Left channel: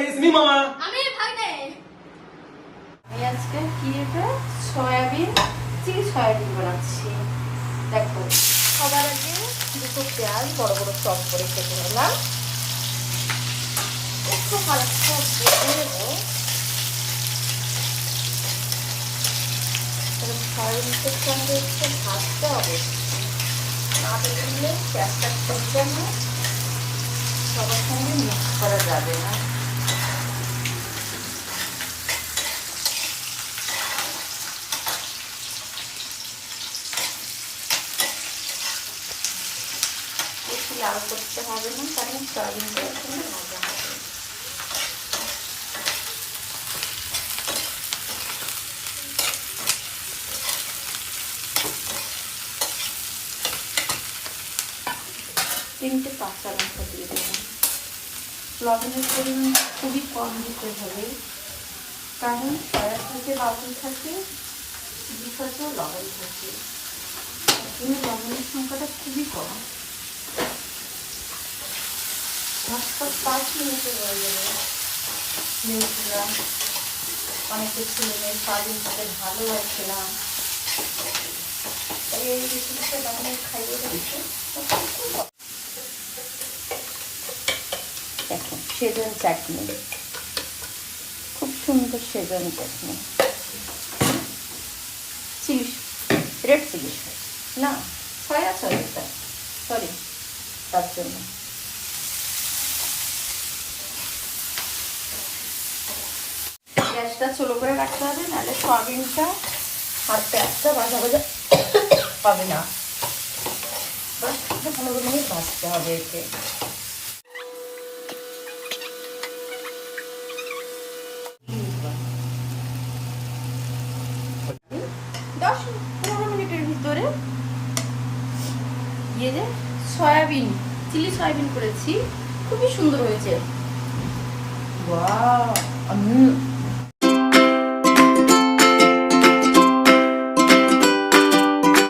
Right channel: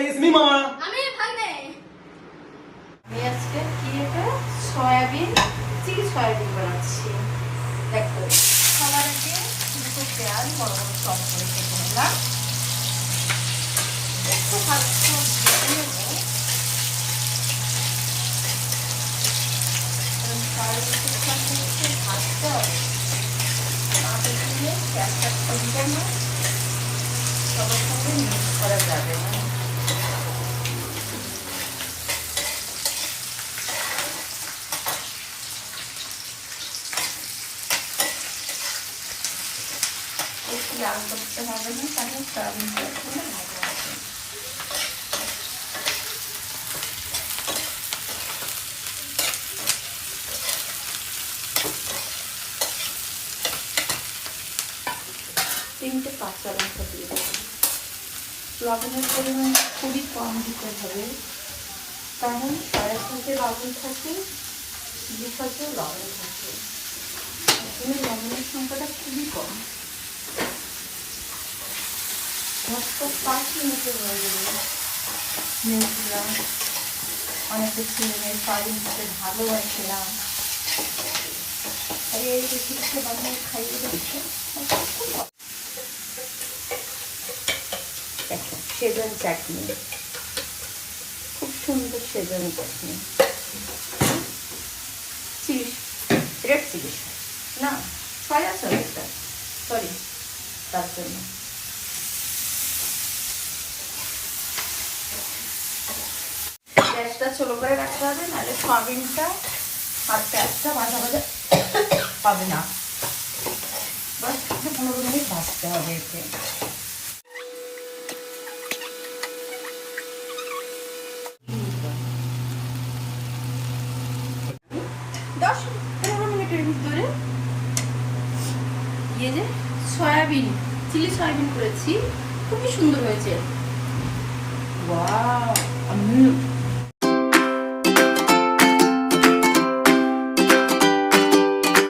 it's me, Mama. আমি ভাগ্নে আজকে কি এটা সয়াবিন চিলি সয়াবিন বানাচ্ছি। দেখো সবার আগে দুটো পেঁয়াজ বড় বড় চপ করে কেটে নিলাম, একটু হালকা ভেজে নেব। সয়াবিনকে সাথে একটু ভাজতে হবে, না ভেজে পেঁয়াজটা খুলবে না, সবার সঙ্গে মিক্স করা যাবে না। লাল করতে হবে না, কারণ সয়াবিনটা একটু ভাজা হবে। তিনটে কাঁচা লঙ্কা দিয়ে দেবো। লবণের পরিমাণ খুবই কম দিতে হবে, কারণ পায়ের সাথে লবণ থাকে, বিশাতেও লবণ থাকে, আসলে লবণের সংখ্যাটা খুবই কম। 5 মিনিটে হয়ে যাবে। নিয়েছিলাম অনেক কিছু সয়াবিন খেতে ভালোবাসছিলাম, তাই এই রেসিপিটা বানিয়ে খাইয়ে দিচ্ছি। দেখো সেজন চাটনি, খুব সুন্দর সেজন চাটনি, চিলি রেড চিলি না সয়া সয়াটা সরি, তার জন্য গ্যাসটা ছোট করে রাখতে হবে, নাহলে সয়াবিনটা আর পেঁয়াজটা ভাজা ভাজা হবে না। 10-15 মিনিট ভাজতে হবে একে। 10-15 মিনিটের ভিতরে ভেজে সয়াবিন চিলি সয়াবিন করেছি, খুবই সুন্দর হয়েছে। ওয়াও!